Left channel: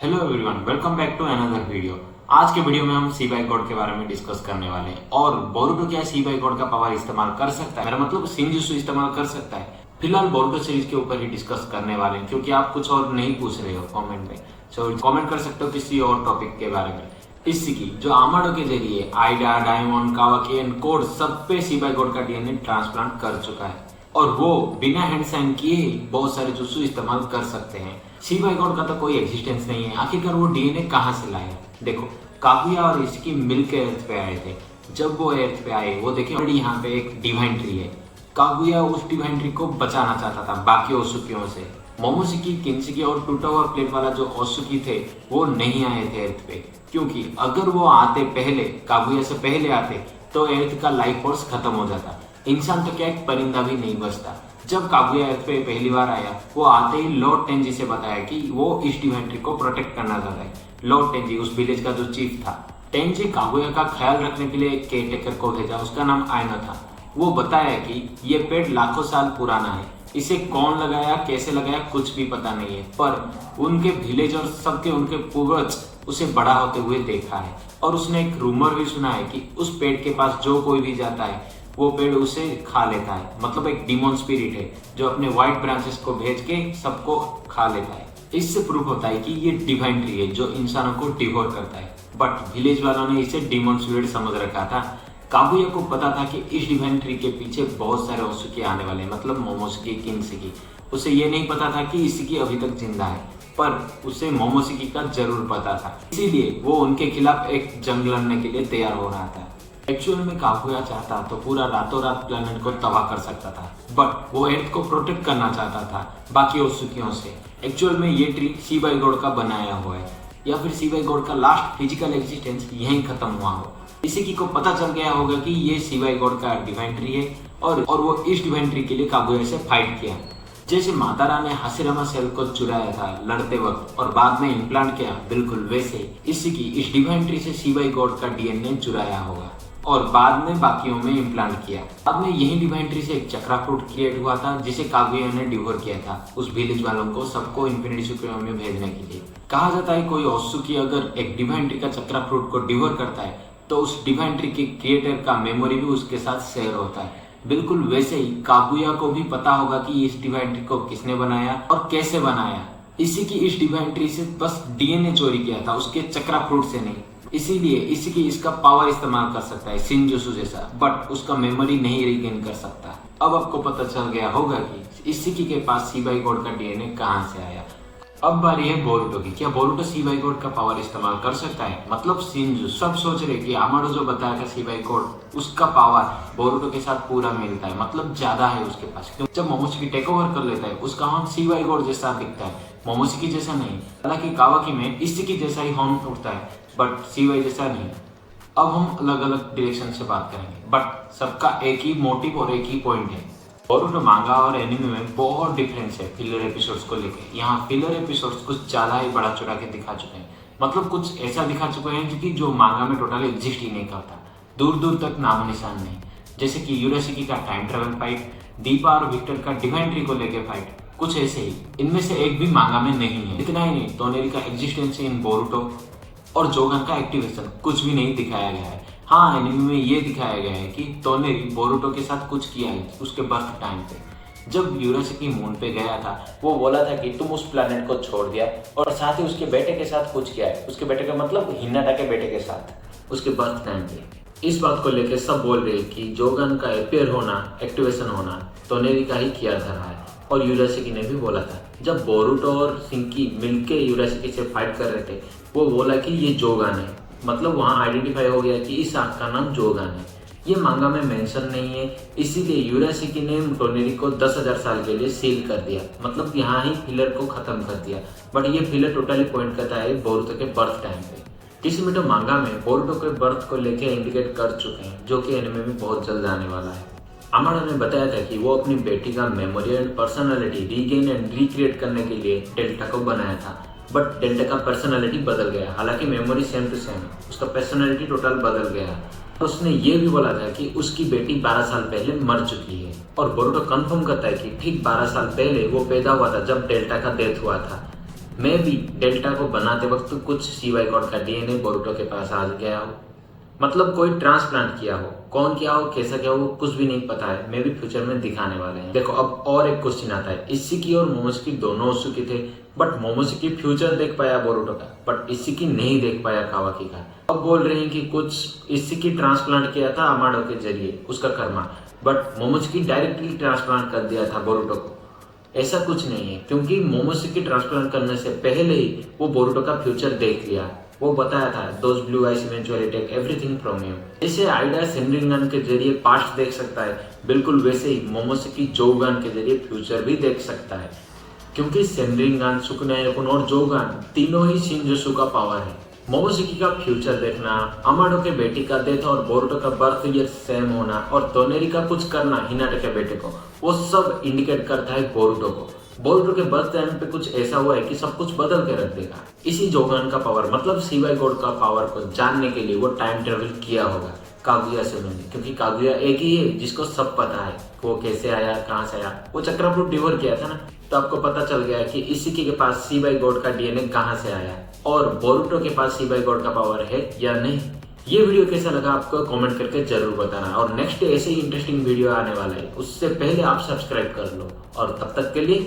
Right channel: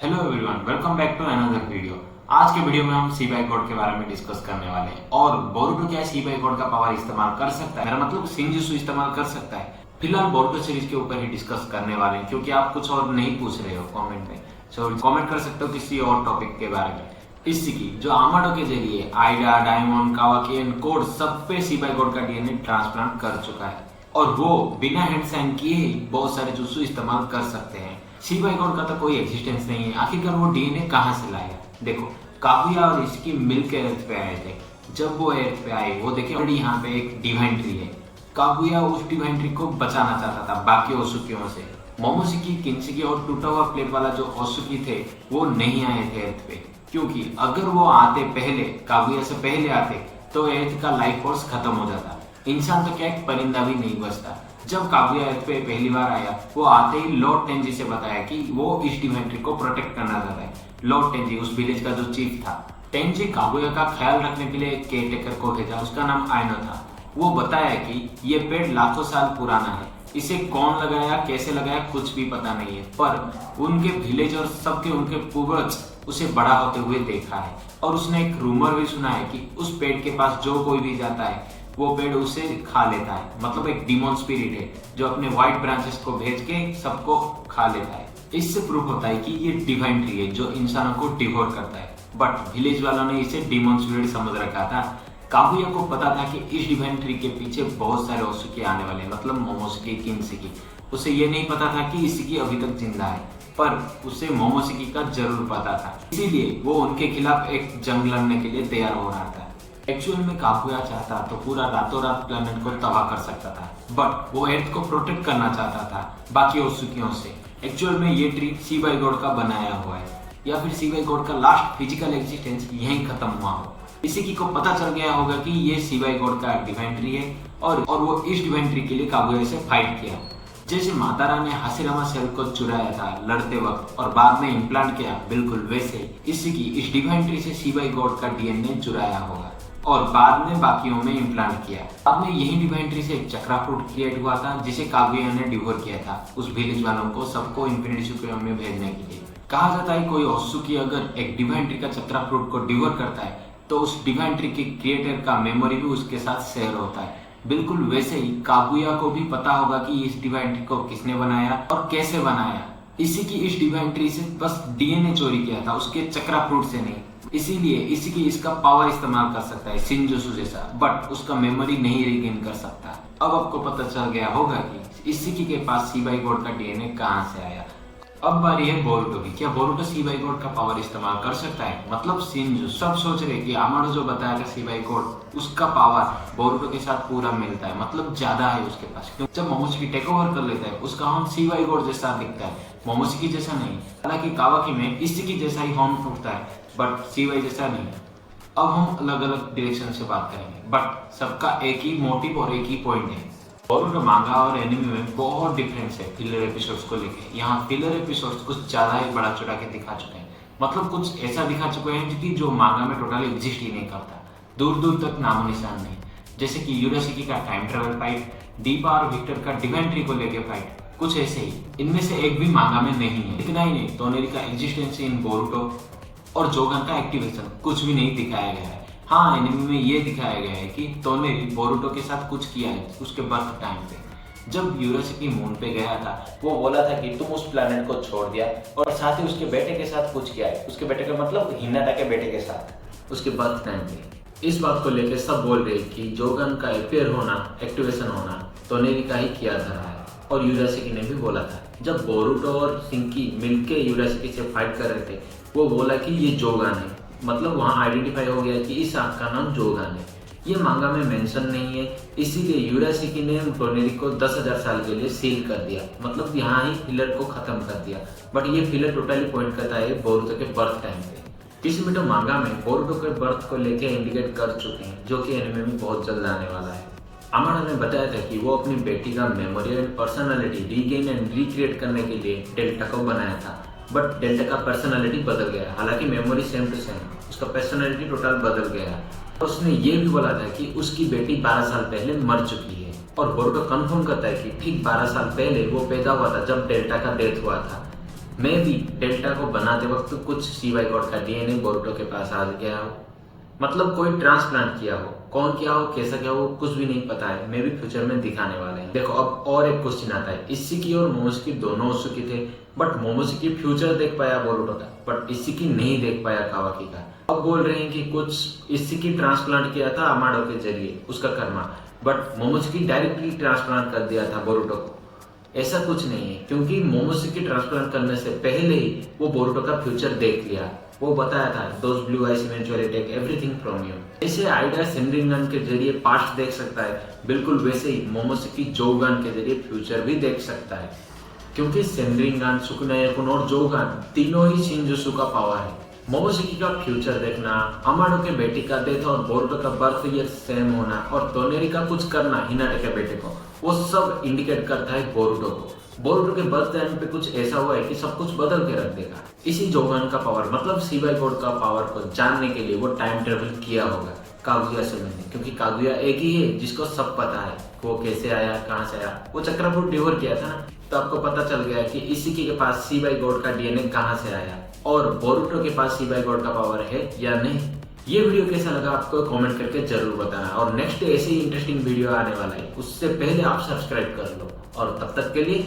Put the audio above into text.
Hello everyone, welcome back to another video. आज के video में हम सी बाई कोड के बारे में डिस्कस करने वाले हैं और बोरुटो क्या सी बाई कोड का पावर इस्तेमाल कर सकता है, मेरा मतलब शिनजुत्सु इस्तेमाल कर सकता है। फिलहाल बोरुटो सीरीज के ऊपर ही डिस्कस करने वाले हैं क्योंकि आप कुछ और नहीं पूछ रहे हो कमेंट में, सो कमेंट कर सकते हो किसी और टॉपिक के बारे में। इसी की जो आमाडो के जरिए आइडा, डायमंड, कावाकी एंड कोड सब पे सी बाई कोड का डीएनए ट्रांसप्लांट कर चुका है और वो बिना हैंड साइन किए ही बहुत सारे जुत्सु इस्तेमाल कर सकते हैं। सी बाई कोड का तो कोई एग्जिस्टेंस नहीं है, आखिरकार वो डीएनए कहाँ से लाएगा। देखो, कागुया और इसकी मिलके अर्थ पे आए थे। जब वो अर्थ पे आए वो देखे ऑलरेडी यहाँ पे एक डिवाइन ट्री है। कागुया उस डिवाइन ट्री को बचाना चाहता था बाकी ओसुकियों से। मोमोशिकी, किन्शिकी और टूटा हुआ प्लेट वाला जो ओसुकी थे वो नहीं आए थे अर्थ पे, क्योंकि अगर वो आते पहले, कागुया से पहले आते तो अर्थ का लाइफ फोर्स खत्म हो जाता। इंसान तो क्या एक परिंदा भी नहीं बचता। जब कागुया अर्थ पे पहली बार आया वो आते ही लॉर्ड टेंजी से बताया कि वो इस डिवाइन ट्री को प्रोटेक्ट करना चाहता है। लॉर्ड टेंजी उस विलेज का जो चीफ था। टेंजी कागुया का ख्याल रखने के लिए एक केयरटेकर को भेजा, उसका नाम आयनो था। वो बताया कि ये पेड़ लाखों साल पुराना है, इसे कौन लगाया, कैसे लगाया, कुछ भी पता नहीं है, पर उनके विलेज और सबके उनके पूर्वज उसे बड़ा होते हुए देखा है। और उसने एक रूमर भी सुना है कि उस पेड़ के पास जो कोई भी जाता है वो पेड़ उसे खा लेता है। मतलब एक डिमोन स्पिरिट है जो अपने व्हाइट ब्रांचेस को भेज के सबको खा लेता है। इससे प्रूफ होता है कि ये डिवाइन ट्री है जो इंसानों को डिवोर करता है। बट विलेज वालों ने इसे डिमोन स्पिरिट समझ रखा था। कागुया को पता था कि इस डिवाइन ट्री के पीछे बहुत सारे ओसुकी आने वाले हैं, मतलब मोमोशिकी, किन्शिकी। उसे ये नहीं पता था कि इशिकी अभी तक जिंदा है, पर उसे मोमोशिकी का जरूर पता था। इसीलिए वो उनके खिलाफ एक जंग लड़ने के लिए तैयार हो रहा था। एक्चुअल में कागुया चाहता तो पूरा रातों रात प्लेनेट को तबाह कर सकता था, बट वो अर्थ को प्रोटेक्ट करना चाहता था बाकी ओसुकियों से। एक्चुअल में ये ट्री सी बाई गॉड का बनाया हुआ है, या फिर सी बाई गॉड का लास्ट फिजिकल एग्जिस्टेंस यहीं खत्म हुआ हो। इसी को पता चल गया होगा कि ये सी बाई गॉड का डिवाइन ट्री है और वो इस डिवाइन ट्री के लिए कागुया से फाइट किया। जैसे मातारा ने हाशिरामा सेल को चुराया था लड़ते वक्त और बाद में इम्प्लांट किया, बिल्कुल वैसे इसी इस डिवाइन ट्री से सी बाई गॉड का डीएनए चुराया होगा और बाद में बाकियों में इम्प्लांट किया। बाद में यही डिवाइन ट्री से एक चक्रा फ्रूट क्रिएट हुआ था जिसे कागुया ने डिवोर किया था उस विलेज वालों को, सबको इन्फिनिटी सुक्रिया में भेजने के लिए। कहा जाता है कोई ओसुकी अगर एक डिवाइन ट्री का चक्रा फ्रूट को डिवोर करता है तो उस डिवाइन ट्री के क्रिएटर का मेमोरी भी उसके साथ शेयर होता है। बिल्कुल वैसे ही कागुया को भी पता होगा कि इस डिवाइन ट्री को किसने बनाया और कैसे बनाया। इस डिवाइन ट्री से बस डीएनए चोरी किया था, उसके चक्रा फ्रूट से नहीं। इसीलिए इसका पावर इस्तेमाल कर सकता है शिनजुत्सु जैसा, बट उसका मेमोरी नहीं रिगेन कर सकता। अब आपको पता चल गया होगा कि इशिकी के पास सी बाई गॉड का डीएनए कहाँ से आया। अब बारी है बोरुटो की। क्या बोरुटो सी बाई गॉड का पावर इस्तेमाल कर सकता है? मतलब शिनजुत्सु। सब सोच रहे कि आमाडो जो बताया था सी बाई गॉड, उसका पावर बोरुटो के साथ पूरा मिलता है, मतलब ज्यादा है उसके पास। क्योंकि जब मोमोशिकी टेक ओवर कर लेता है उसका हॉर्न सी बाई गॉड जैसा दिखता है, मोमोशिकी जैसा नहीं। हालांकि कावाकी में इशिकी जैसा ही हॉर्न उठता है बट सी बाई जैसा नहीं। अब हम अलग अलग डायरेक्शन से बात करेंगे, बट सबका एक ही मोटिव और एक ही पॉइंट है। बोरुटो मांगा और एनिमे में बहुत डिफरेंस है फिलर एपिसोड्स को लेके। यहाँ फिलर एपिसोड्स कुछ ज्यादा ही बड़ा चढ़ा के दिखा चुके हैं, मतलब कुछ ऐसा दिखा चुके हैं जो मांगा में टोटली एग्जिस्ट ही नहीं करता, दूर दूर तक नामो निशान नहीं। जैसे कि यूराशिकी का टाइम ट्रेवल फाइट, दीपा और विक्टर का डिवाइन ट्री को लेके फाइट, कुछ ऐसे ही। इनमें से एक भी मांगा में नहीं है। इतना ही नहीं, तोनेरी का एग्जिस्टेंस इन बोरुटो और जोगन का एक्टिवेशन कुछ भी नहीं दिखाया गया है। हाँ, एनिमे में ये दिखाया गया है कि तोनेरी बोरुटो के साथ कुछ किया है उसके बर्थ टाइम पे। जब यूराशिकी मून पे गया था वो बोला था कि तुम उस प्लेनेट को छोड़ दिया और साथ ही उसके बेटे के साथ कुछ किया है। उसके बेटे का मतलब हिनाटा के बेटे के साथ उसके बर्थ टाइम पे। इस बात को लेकर सब बोल रहे कि जोगन का अपियर होना, एक्टिवेशन होना तोनेरी का ही किया धरा है। और यूराशिकी ने भी बोला था जब बोरुटो और शिंकी मिलके यूराशिकी से फाइट कर रहे थे, वो बोला कि ये जोगन है। मतलब वहाँ आइडेंटिफाई हो गया कि इस आंख का नाम जोगन है। ये मांगा में मेंशन नहीं है, इसीलिए यूराशिकी ने तोनेरी को 10,000 साल के लिए सील कर दिया, मतलब यहाँ ही फिलर को खत्म कर दिया। बट ये फिलर टोटली पॉइंट करता है बोरुटो के बर्थ टाइम पे। किसिमिटो मांगा में बोरुटो के बर्थ को लेके इंडिकेट कर चुके हैं, जो कि एनिमे में बहुत जल्द आने वाला है। आमाडो ने बताया था कि वो अपनी बेटी का memory and personality regain and recreate करने के लिए डेल्टा को बनाया था, बट डेल्टा का पर्सनालिटी बदल गया। हालांकि मेमोरी सेम टू सेम, उसका पर्सनालिटी टोटल बदल गया। उसने ये भी बोला था कि उसकी बेटी 12 साल पहले मर चुकी है और बोरुटो कंफर्म करता है कि ठीक 12 साल पहले वो पैदा हुआ था जब डेल्टा का डेथ हुआ था। मैं भी डेल्टा को बनाते वक्त कुछ सीवाई गॉड का डीएनए बोरुटो के पास आ गया हो, मतलब कोई ट्रांसप्लांट किया हो, कौन किया हो, कैसा किया हो, कुछ भी नहीं पता है। मैं भी फ्यूचर में दिखाने वाले हैं। देखो अब और एक क्वेश्चन आता है, इशिकी और मोमोशिकी दोनों उत्सुकी थे, बट मोमोशिकी फ्यूचर देख पाया बोरुटो का, बट इशिकी नहीं देख पाया कावाकी का। अब बोल रहे हैं कि कुछ इशिकी ट्रांसप्लांट किया था अमाडो के जरिए, उसका Karma, but Momoshiki directly transplant कर दिया था बोरुटो को। ऐसा कुछ नहीं है, क्योंकि मोमोशिकी ट्रांसप्लांट करने से पहले ही वो बोरुटो का फ्यूचर देख लिया। वो बताया था, those blue eyes eventually take everything from you. जैसे आइडा सेनरिंगन के जरिए पास्ट देख सकता है, बिल्कुल वैसे ही मोमोशिकी जोगन के जरिए फ्यूचर भी देख सकता है, क्योंकि सेनरिंगन, सुकुनायाकुन और जोगन तीनों ही शिनजुत्सु का पावर है। मोमोशिकी का फ्यूचर देखना, अमाडो के बेटी का डेथ और बोरुटो का बर्थ ईयर सेम होना और तोनेरी का कुछ करना हिनाटा के बेटे को, वो सब इंडिकेट करता है बोरुटो को। बोरुटो के बर्थ टाइम पे कुछ ऐसा हुआ है कि सब कुछ बदल के रख देगा। इसी जोगन का पावर, मतलब सीवाई गॉड का पावर को जानने के लिए वो टाइम ट्रेवल किया होगा कागुया से मिलने, क्योंकि कागुया एक ही है जिसको सब पता है वो कैसे आया, कहाँ से आया। वो चक्रफ्रूट डिवोर किया था ना, तो आपको पता चल गया कि इशिकी के पास सीवाई गॉड का डीएनए कहाँ से आया और बोरुटो के पास सीवाई गॉड का पावर है या नहीं। ये वीडियो कैसा लगा आपको कमेंट करके जरूर बताना, और नेक्स्ट ऐसे ही इंटरेस्टिंग वीडियो आने वाला है, उससे पहले आप सब्सक्राइब कर लो। और तब तक के लिए